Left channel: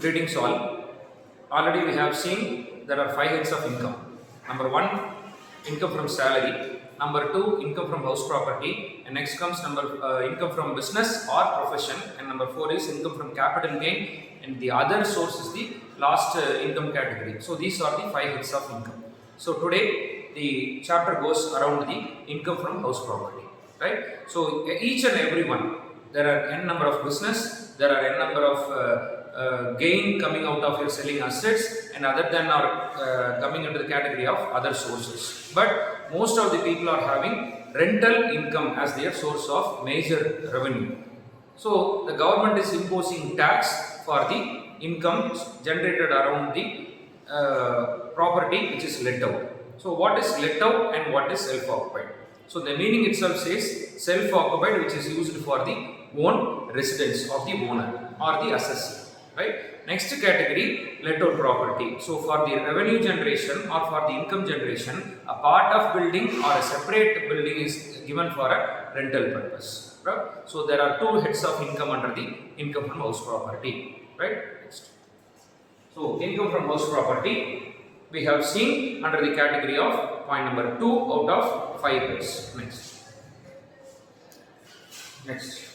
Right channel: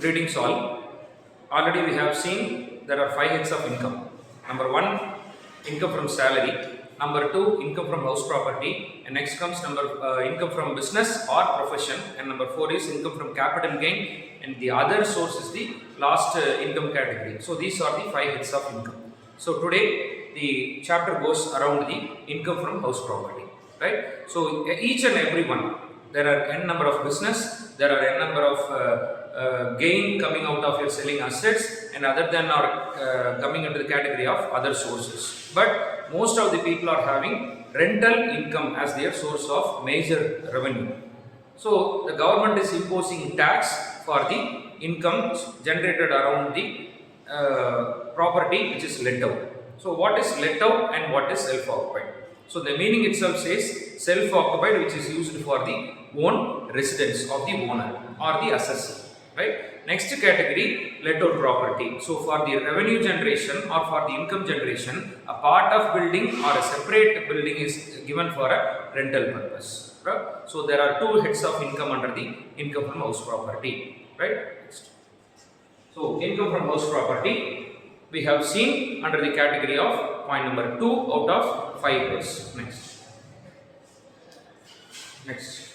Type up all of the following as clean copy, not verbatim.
Greetings all. Already we have seen there are five heads of income. Number one, income from salary. Number two, income from house property. And next comes income from business or profession. And number four is income from capital gain. And the other source is the last income category. So these are the five heads of income. So today the chapter goes around the income from house property. Right? So each and every one, there are n number of business, there are n number of gain coming out of your selling assets, and other than are coming into the category of other sources. But most of the people are having rental income as their source of major revenue. So the government is imposing tax for the income generated around the property which is let out. So what is let out and what is self-occupied? So the meaning itself says self-occupied, which is used for the own residence of the owner or the assessee, right? Next category, let out property. So for the revenue generation or for the income generation, a part of building or a separate building is given for a rental purpose, right? So there are two heads of income under the income from house property, right? Next. So income from house property we have seen under the category of point number 2 out of 5 heads. Next.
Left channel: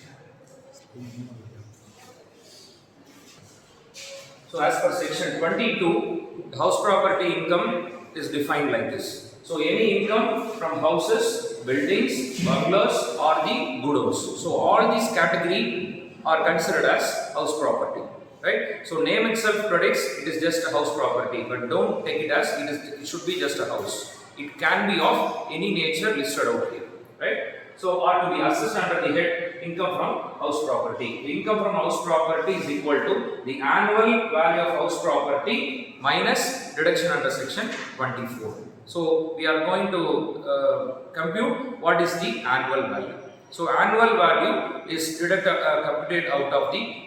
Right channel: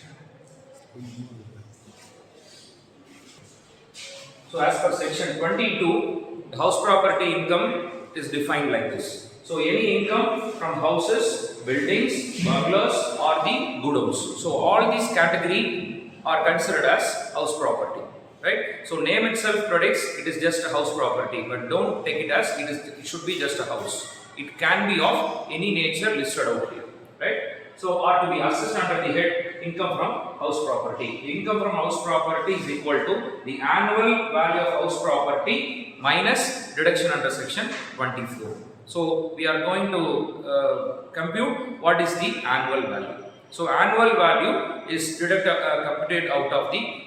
So as per section 22, house property income is defined like this. So any income from houses, buildings, bungalows or the goods. So all these category are considered as house property. Right? So name itself predicts it is just a house property, but don't take it as it should be just a house. It can be of any nature listed out here. Right? So are to be assessed under the head income from house property. The income from house property is equal to the annual value of house property minus deduction under section 24. So we are going to compute what is the annual value. So annual value is computed out of the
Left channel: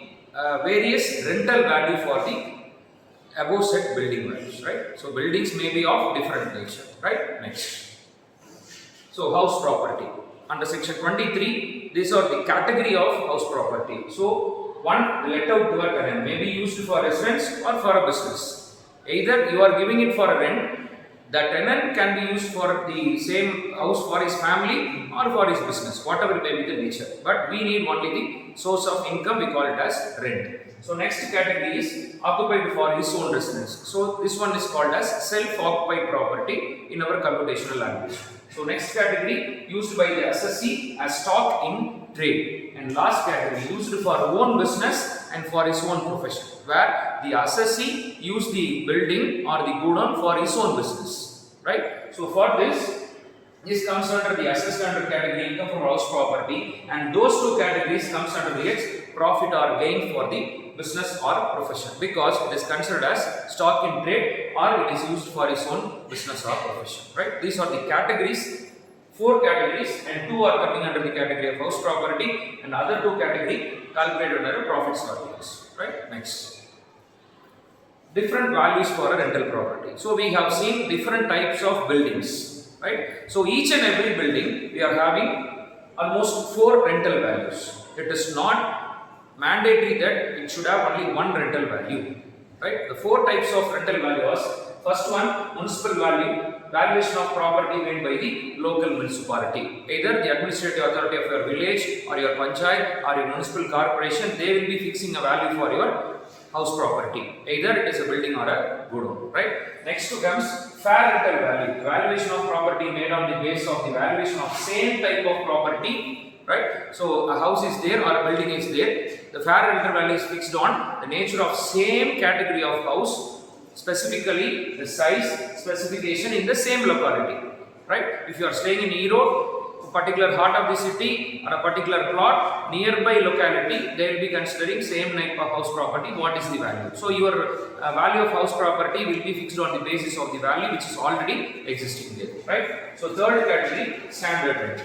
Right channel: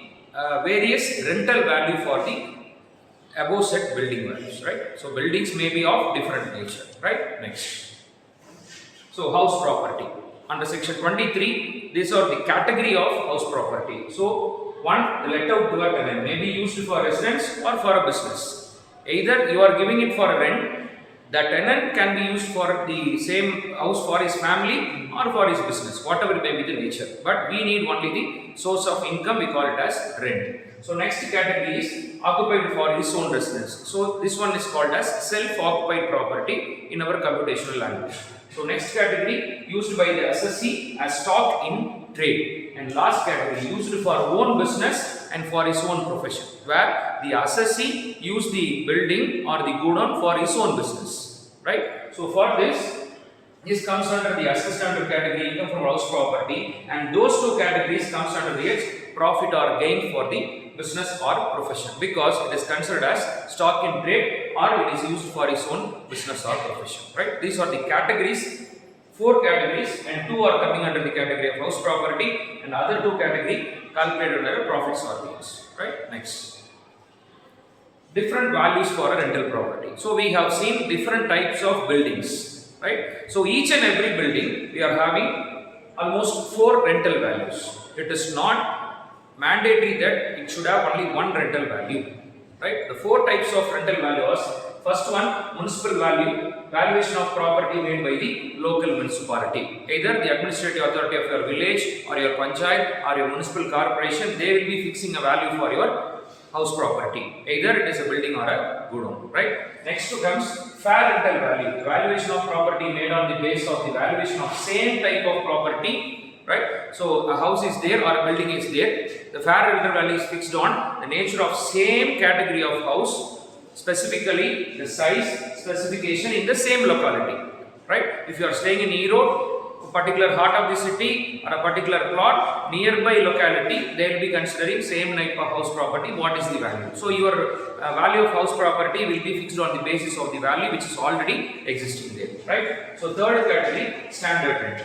various rental value for the above set building values, right? So buildings may be of different nature, right? Next. So house property. Under section 23, these are the category of house property. So one, the let out to a tenant may be used for residence or for a business. Either you are giving it for a rent, the tenant can be used for the same house for his family or for his business, whatever may be the nature. But we need only the source of income, we call it as rent. So next category is occupied for his own residence. So this one is called as self-occupied property in our computational language. So next category used by the assessee as stock in trade, and last category used for own business and for his own profession, where the assessee used the building or the godown for his own business, right? So for this comes under the assessed under category income from house property, and those two categories comes under the profit or gain for the business or profession, because it is considered as stock in trade or it is used for his own business or profession, right? These are the categories, 4 categories, and 2 are coming under the category of house property, and other 2 category calculated under profits or gains, right? Next. Different values for a rental property. So we have seen different types of buildings, right? So each and every building we are having almost 4 rental values. It is not mandatory that it should have only one rental value, right? The 4 types of rental values. First one, municipal value, valuation of property made by the local municipality. Either the administrative authority of your village or your panchayat or your municipal corporation, they will be fixing a value for your house property. Either it is a building or a godown, right? Next comes fair rental value, the valuation of property made on the basis of the valuation of same type of property, right? So a house is there or a building is there. The fair rental value is fixed on the nature of same category of house, specifically the size, specification in the same locality, right? If you are staying in Erode, a particular heart of the city or a particular plot, nearby locality, they will be considering same type of house property, what is the value. So your value of house property will be fixed on the basis of the value which is already existing there, right? So third category, standard rent.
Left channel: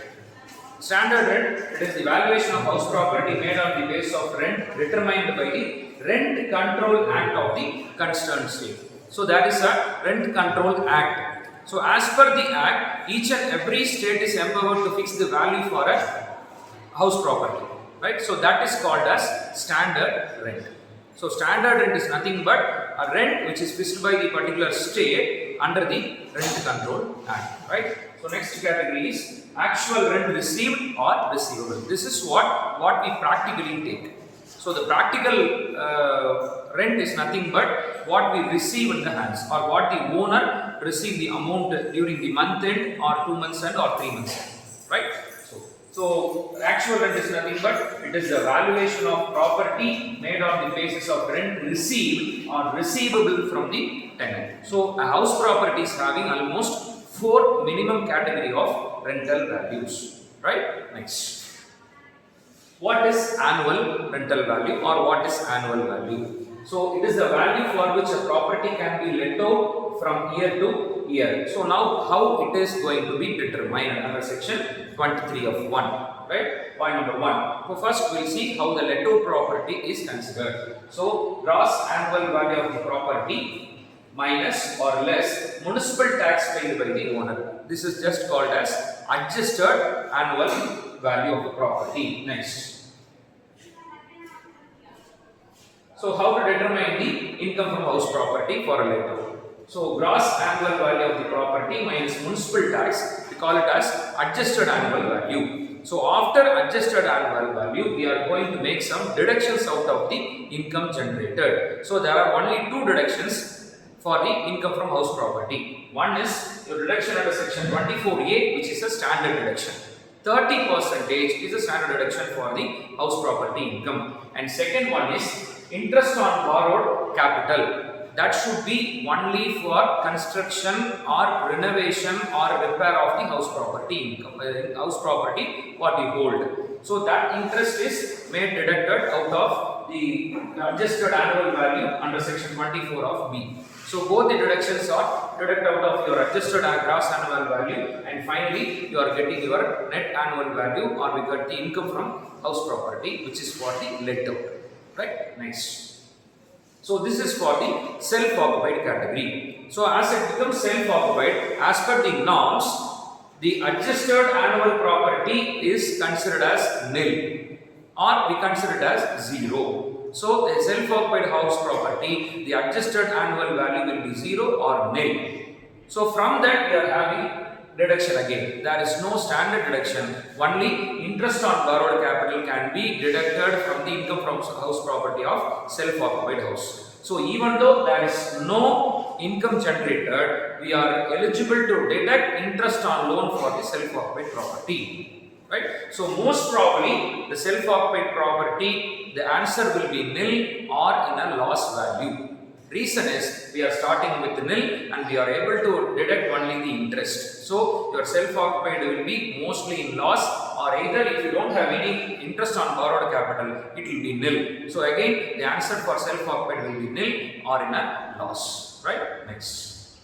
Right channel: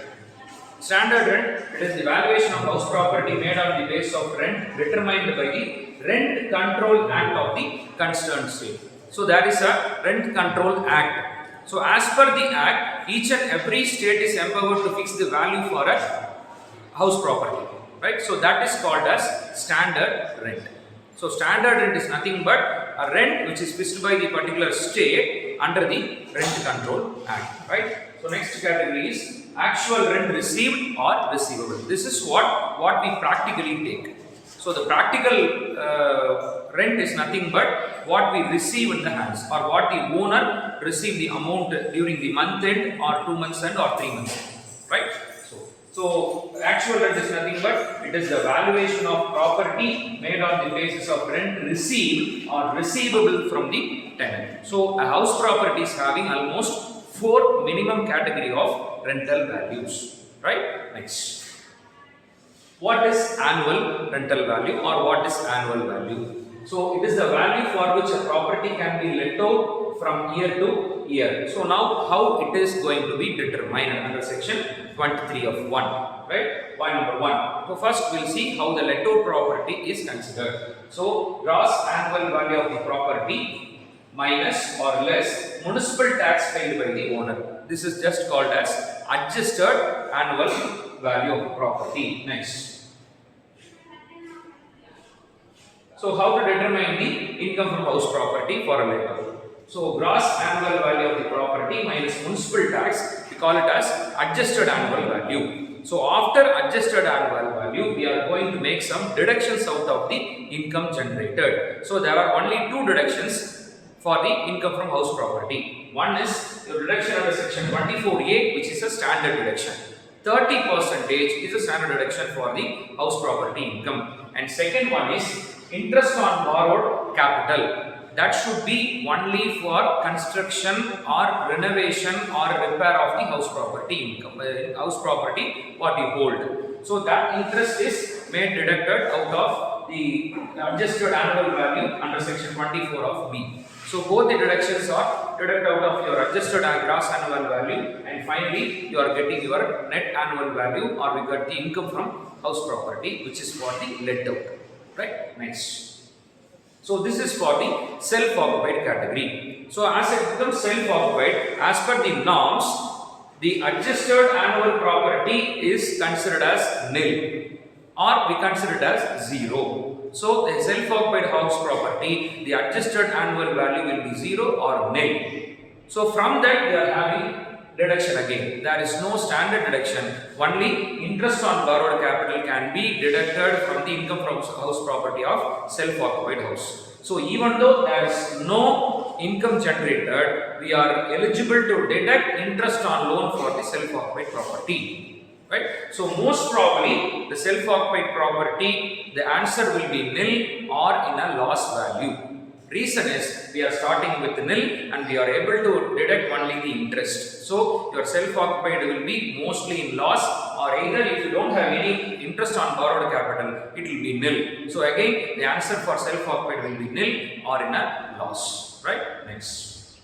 Standard rent, it is the valuation of house property made on the basis of rent determined by the Rent Control Act of the concerned state. So that is a Rent Control Act. So as per the Act, each and every state is empowered to fix the value for a house property, right? So that is called as standard rent. So standard rent is nothing but a rent which is fixed by the particular state under the Rent Control Act, right? So next category is actual rent received or receivable. This is what we practically take. So the practical rent is nothing but what we receive in the hands, or what the owner receive the amount during the month end or 2 months end or 3 months end, right? So actual rent is nothing but it is the valuation of property made on the basis of rent received or receivable from the tenant. So a house property is having almost 4 minimum category of rental values, right? Next. What is annual rental value, or what is annual value? So it is the value for which a property can be let out from year to year. So now how it is going to be determined under section 23 of 1, right? Point number 1. So first we will see how the let out property is considered. So gross annual value of the property minus or less municipal tax paid by the owner. This is just called as adjusted annual value of the property. Next. So how to determine the income from house property for a let-out? So gross annual value of the property minus municipal tax, we call it as adjusted annual value. So after adjusted annual value, we are going to make some deductions out of the income generated. So there are only 2 deductions for the income from house property. One is your deduction under section 24A, which is a standard deduction. 30% is a standard deduction for the house property income. And second one is interest on borrowed capital. That should be only for construction or renovation or repair of the house property income, house property what you hold. So that interest is made deducted out of the adjusted annual value under section 24 of B. So both the deductions are deducted out of your adjusted and gross annual value, and finally you are getting your net annual value, or we get the income from house property, which is for the let out, right? Next. So this is for the self-occupied category. So as it becomes self-occupied, as per the norms, the adjusted annual property is considered as nil, or we consider it as 0. So the self-occupied house property, the adjusted annual value will be 0 or nil. So from that we are having deduction again. There is no standard deduction. Only interest on borrowed capital can be deducted from the income from house property of self-occupied house. So even though there is no income generated, we are eligible to deduct interest on loan for the self-occupied property. Right? So most probably the self-occupied property, the answer will be nil or in a loss value. Reason is we are starting with nil and we are able to deduct only the interest. So your self-occupied will be mostly in loss, or either if you don't have any interest on borrowed capital, it will be nil. So again the answer for self-occupied will be nil or in a loss. Right? Next.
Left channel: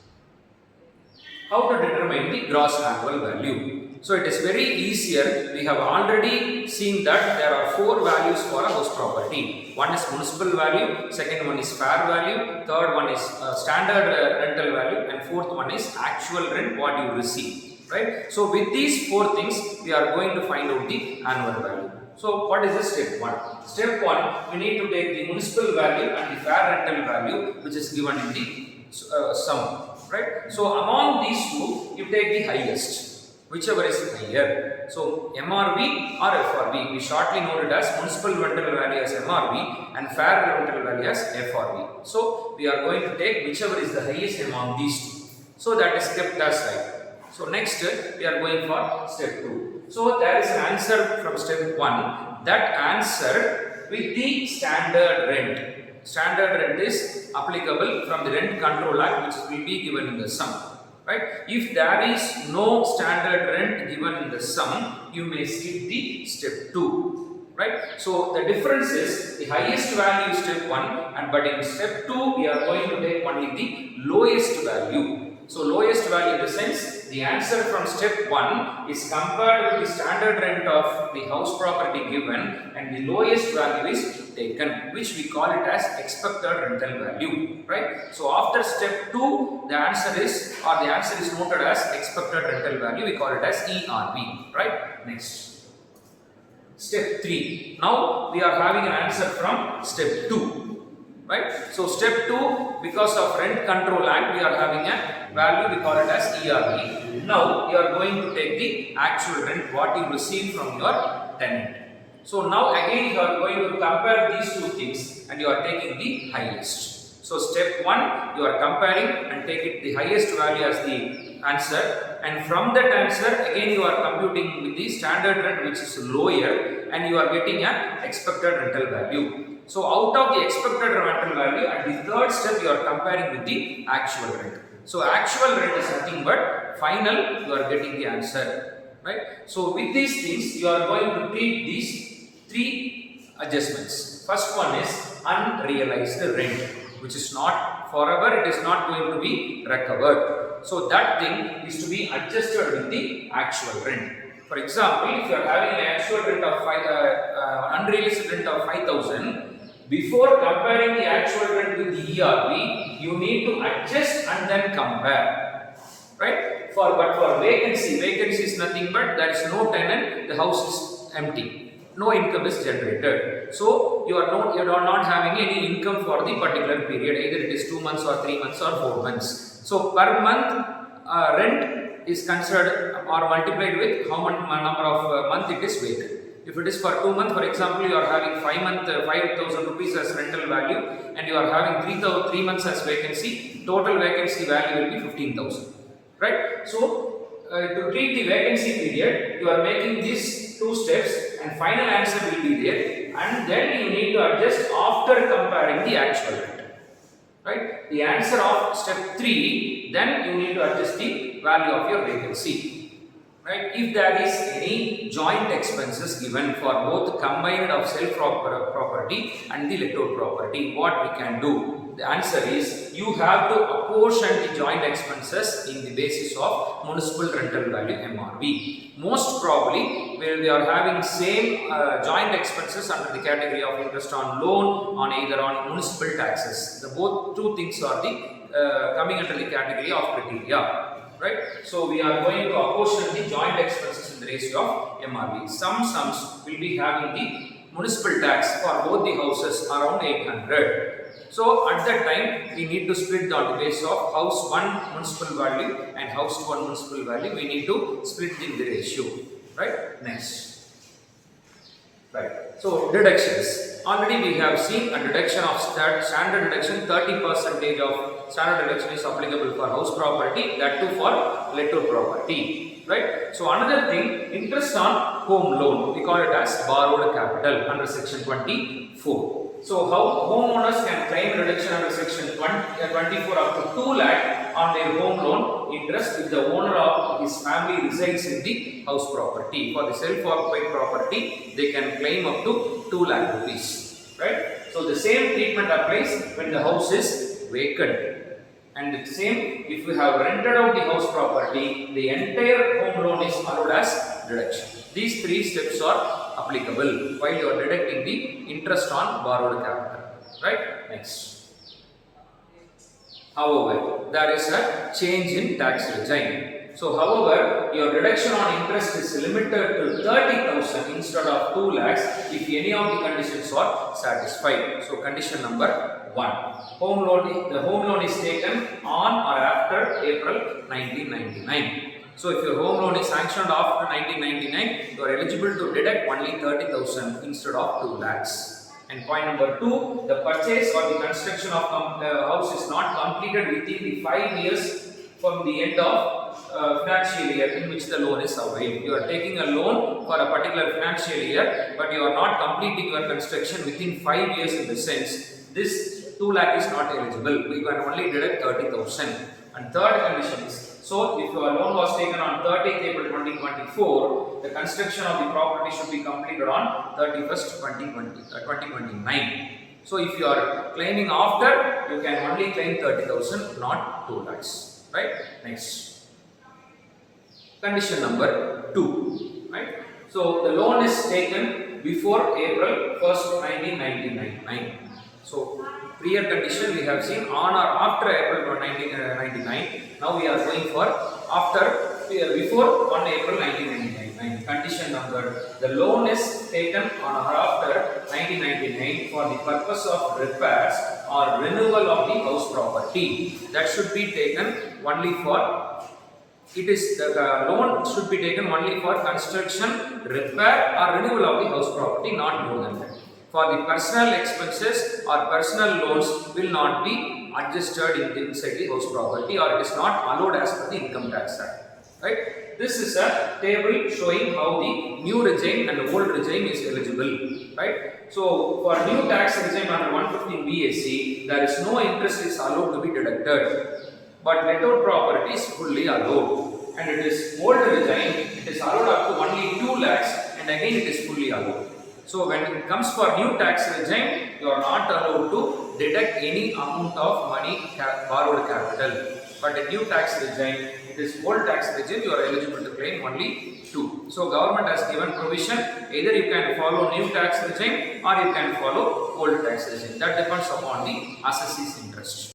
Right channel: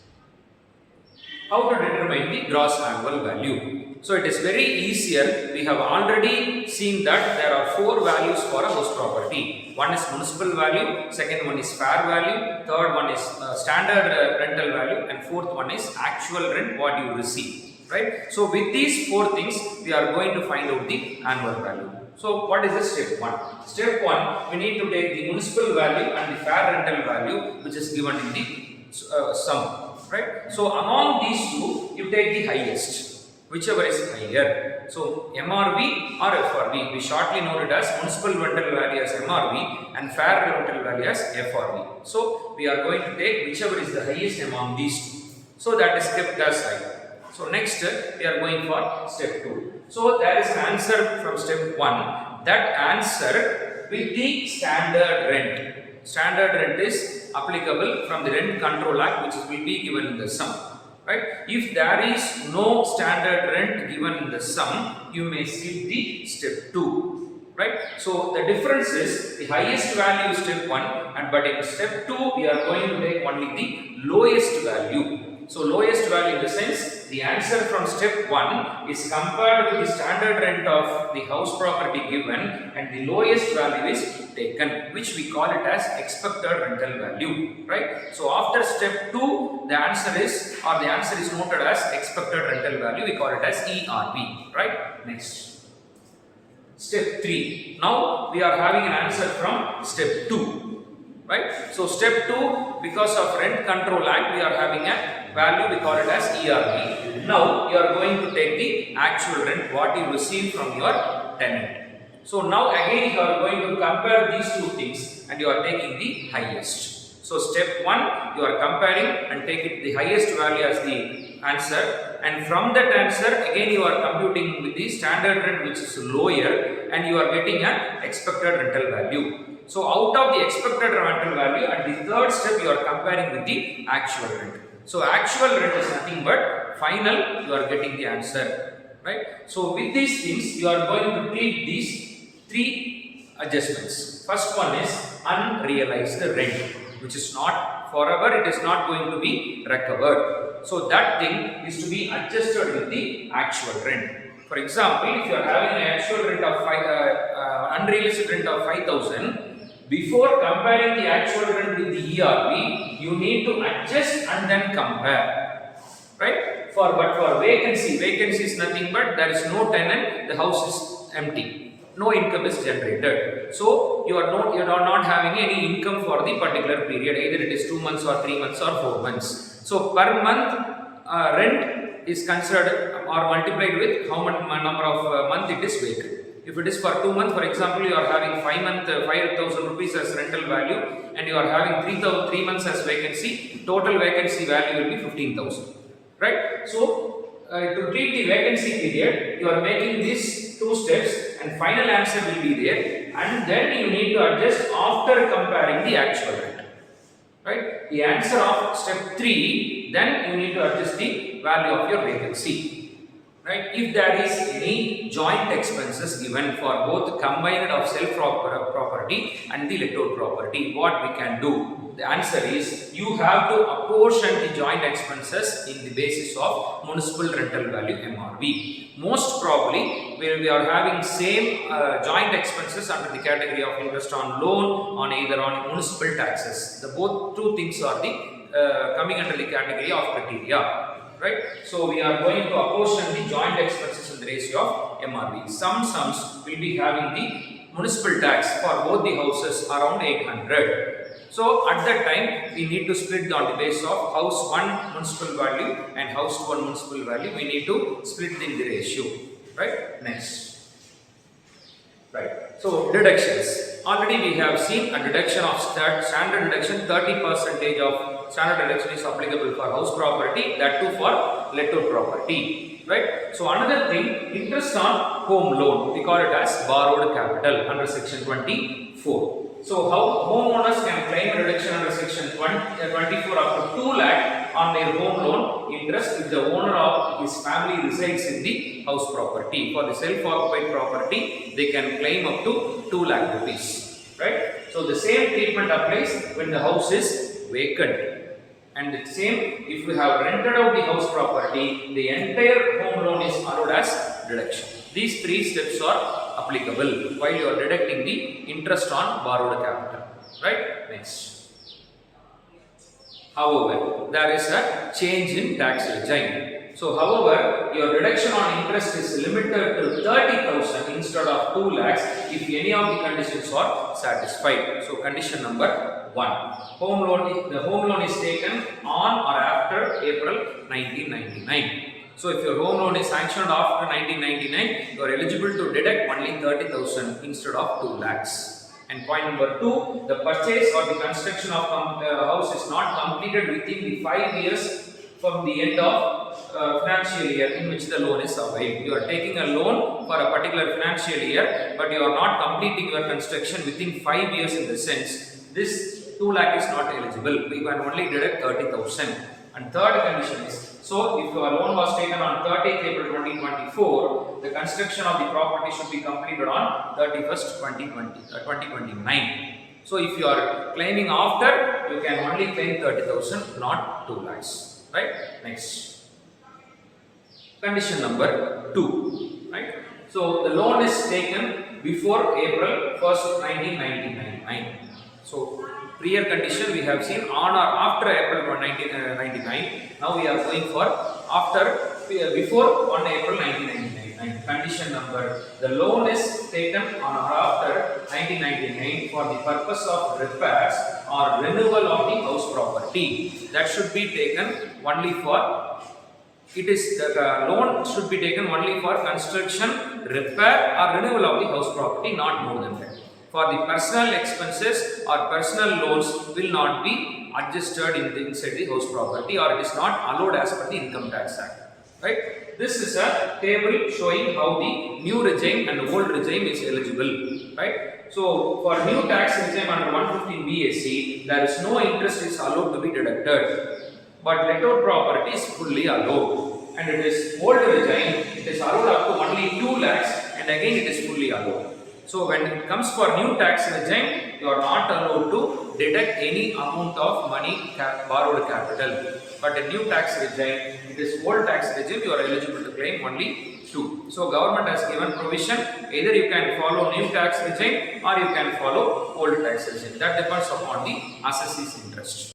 How to determine the gross annual value? So it is very easier. We have already seen that there are 4 values for a house property. One is municipal value, second one is fair value, third one is standard rental value, and fourth one is actual rent what you receive. Right? So with these 4 things, we are going to find out the annual value. So what is the step 1? Step 1, we need to take the municipal value and the fair rental value, which is given in the sum. Right? So among these 2, you take the highest, whichever is higher. So MRV or FRV, we shortly note it as municipal rental value as MRV and fair rental value as FRV. So we are going to take whichever is the highest among these 2. So that is kept as high. So next we are going for step 2. So there is an answer from step 1. That answer with the standard rent. Standard rent is applicable from the Rent Control Act, which will be given in the sum. Right? If there is no standard rent given in the sum, you may skip the step 2. Right? So the difference is the highest value is step 1, but in step 2 we are going to take only the lowest value. So lowest value in the sense, the answer from step 1 is compared with the standard rent of the house property given, and the lowest value is taken, which we call it as expected rental value. Right? So after step 2, the answer is noted as expected rental value. We call it as ERV. Right? Next. Step 3. Now we are having an answer from step 2. right? So step 2, because of Rent Control Act, we are having a value, we call it as ERV. Now you are going to take the actual rent what you receive from your tenant. So now again you are going to compare these two things and you are taking the highest. So step 1, you are comparing and take it the highest value as the answer, and from that answer again you are computing with the standard rent which is lower and you are getting an expected rental value. So out of the expected rental value, at the third step you are comparing with the actual rent. So actual rent is nothing but final, you are getting the answer, right? So with these things you are going to treat these 3 adjustments. First one is unrealized rent, which is not forever, it is not going to be recovered. So that thing is to be adjusted with the actual rent. For example, if you are having an actual rent of unrealized rent of 5,000, before comparing the actual rent with the ERV, you need to adjust and then compare, right? But for vacancy is nothing but there is no tenant, the house is empty. No income is generated. So you are not having any income for the particular period, either it is 2 months or 3 months or 4 months. So per month rent is considered or multiplied with how much number of month it is vacant. If it is for 2 months, for example, you are having 5,000 rupees as rental value and you are having 3 months as vacancy, total vacancy value will be 15,000, right? So to treat the vacancy period, you are making these 2 steps and final answer will be there, and then you need to adjust after comparing the actual rent, right? The answer of step 3, then you need to adjust the value of your vacancy, right? If there is any joint expenses given for both combined of self-property and the lessor property, what we can do? The answer is you have to apportion the joint expenses in the basis of municipal rental value MRV. Most probably, where we are having same joint expenses under the category of interest on loan, on either on municipal taxes. The both 2 things are the coming under the category of criteria, right? So we are going to apportion the joint expenses in the ratio of MRV. Some sums will be having the municipal tax for both the houses around 800. So at that time we need to split on the basis of house 1 municipal value and house 1 municipal value. We need to split in the ratio, right? Next, right? So deductions. Already we have seen a deduction of standard deduction. 30% of standard deduction is applicable for house property, that too for lessor property, right? So another thing, interest on home loan, we call it as borrowed capital under section 24. So how homeowners can claim reduction under section 24 up to 2 lakh on their home loan interest if the owner of his family resides in the house property. For the self-occupied property, they can claim up to 2 lakh rupees, right? So the same treatment applies when the house is vacant. And the same, if you have rented out the house property, the entire home loan is allowed as deduction. These 3 steps are applicable while you are deducting the interest on borrowed capital, right? Next. However, there is a change in tax regime. So, however, your deduction on interest is limited to 30,000 instead of 2 lakhs if any of the conditions are satisfied. So, condition number 1. The home loan is taken on or after April 1999. So, if your home loan is sanctioned after 1999, you are eligible to deduct only 30,000 instead of 2 lakhs. And point number 2, the purchase or the construction of the house is not completed within the 5 years from the end of financial year in which the loan is availed. You are taking a loan for a particular financial year, but you are not completing your construction within 5 years in the sense this 2 lakh is not eligible. We can only deduct 30,000. And third condition is, so if your loan was taken on 30th April 2024, the construction of the property should be completed on 31st 2029. So if you are claiming after, you can only claim 30,000, not 2 lakhs, right? Next. Condition number 2, right? So the loan is taken before April 1st, 1999. So prior condition we have seen on or after April 1999. Now we are going for before 1 April 1999. Condition number, the loan is taken on or after 1999 for the purpose of repairs or renewal of the house property. That should be taken only for, it is the loan should be taken only for construction, repair or renewal of the house property, not more than that. For the personal expenses or personal loans will not be adjusted inside the house property, or it is not allowed as per the Income Tax Act. Right? This is a table showing how the new regime and old regime is eligible. Right? So for new tax regime under 115 BAC, there is no interest is allowed to be deducted, but let out property is fully allowed. And it is old regime, it is allowed up to only 2 lakhs, and again it is fully allowed. So when it comes for new tax regime, you are not allowed to deduct any amount of money borrowed capital. But the new tax regime, it is old tax regime, you are eligible to claim only 2. So government has given provision, either you can follow new tax regime or you can follow old tax regime. That depends upon the assessee's interest.